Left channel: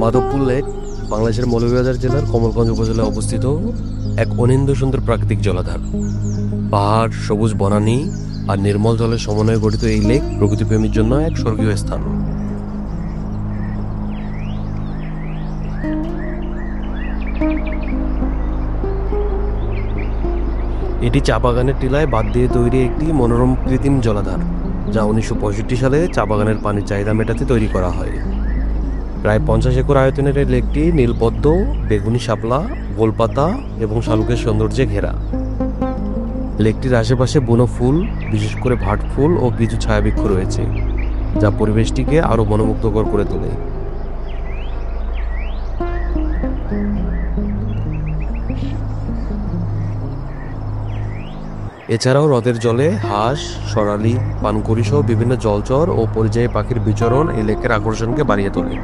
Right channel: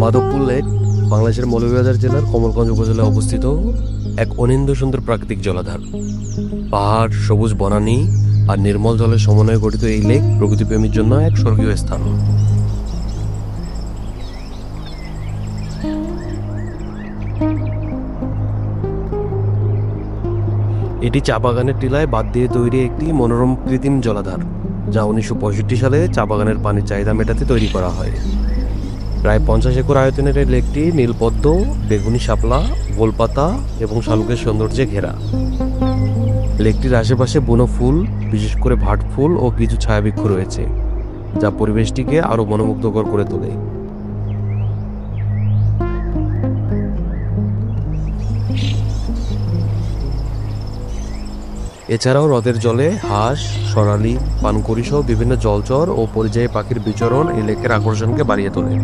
Madhabpur lake বাংলাদেশের মৌলভীবাজার জেলার কমলগঞ্জ উপজেলায় অবস্থিত এক অনিন্দ্য সুন্দর প্রাকৃতিক জলাধার। পাহাড়, সবুজ বনানী আর নির্মল জলের সমন্বয়ে গঠিত এই লেক প্রকৃতিপ্রেমীর জন্য এক স্বর্গীয় স্থান। এটি চা বাগানের টিলায় বাদ দিয়ে তৈরি একটি মনোরম কৃত্রিম জলাধার, যা 1965 সালে চা বাগানের পানির চাহিদা মেটাতে তৈরি করা হয়। প্রায় 50 একর আয়তনের এই লেকটি নীলপদ্ম, বেগুনি শাপলা, গোলপাতা এবং শালুকের সৌন্দর্যে ঘেরা। লেকটির আশেপাশে বুনো ফুল, বিশেষ করে ভাট ফুল ও কিছু ছায়াবৃক্ষ রয়েছে, যা পরিবেশটিকে আরো মনোমুগ্ধকর করে তোলে। এছাড়াও হ্রদের জলে হাঁস, সরালি, পানকড়ি সহ বিভিন্ন জলচর ও পরিযায়ী পাখির বিচরণ এই লেকের আকর্ষণকে বাড়িয়ে তোলে।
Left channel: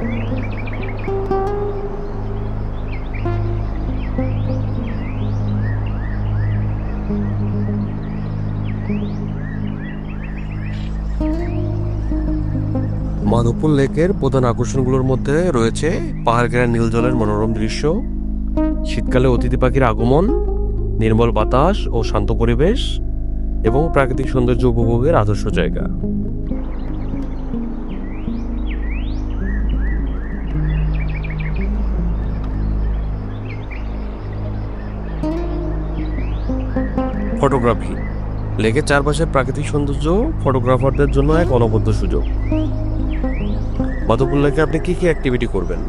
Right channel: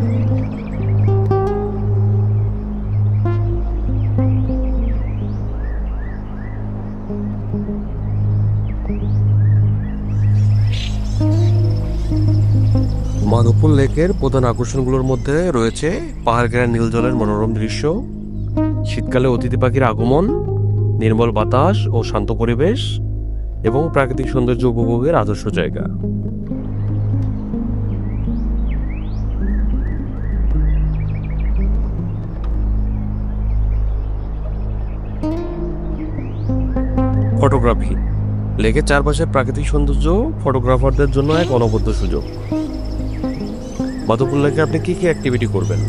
মাধবপুর লেকের প্রধান আকর্ষণগুলোর মধ্যে রয়েছে পাহাড় ঘেরা নীল জলের মনোরম দৃশ্য, শীতকালে অতিথি পাখির আগমন, নির্মল বাতাস ও শান্ত পরিবেশ এবং প্রাকৃতিক সৌন্দর্য উপভোগের আদর্শ জায়গা। ফটোগ্রাফি। লেকের চারপাশে প্রাকৃতিক সৌন্দর্য ফটোগ্রাফারদের জন্য এক অনবদ্য সুযোগ। মাধবপুর লেকে আপনি কি কি অ্যাক্টিভিটি করবেন?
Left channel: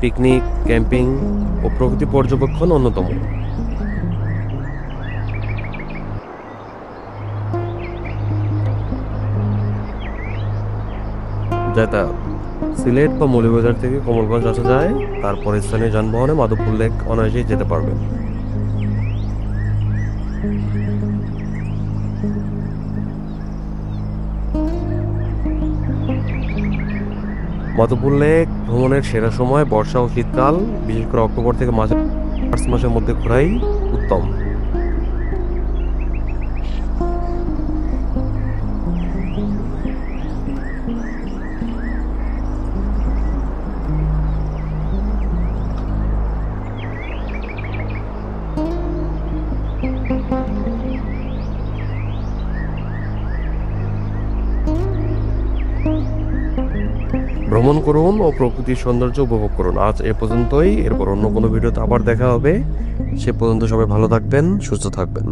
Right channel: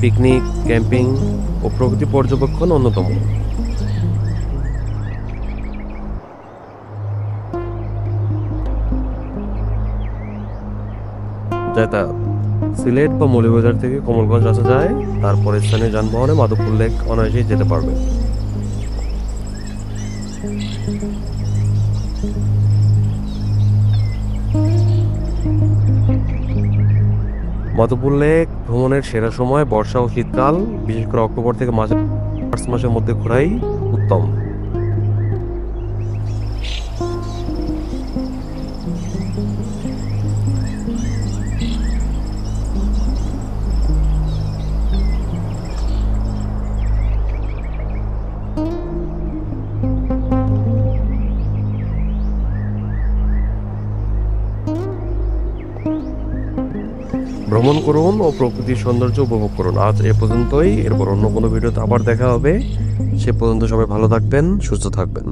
পিকনিক, ক্যাম্পিং ও প্রকৃতি পর্যবেক্ষণ অন্যতম। যাতায়াত। সিলেট বা মৌলভীবাজার থেকে কমলগঞ্জ আসা যায়, তারপর স্থানীয় যানবাহনে মাধবপুর লেক অনায়াসেই যেতে পারবেন। মাধবপুর লেক ভ্রমণের সেরা সময় বর্ষা ও শীতকাল, বিশেষ করে অক্টোবর থেকে মার্চ মাসের মধ্যে ঘোরাই উত্তম। ভ্রমণ করুন ও প্রকৃতির সৌন্দর্য উপভোগ করুন। আজ এ পর্যন্তই, এরপর অন্য কোনো ভিডিওতে আবার দেখা হবে। সে পর্যন্ত সবাই ভালো থাকবেন, সুস্থ থাকবেন।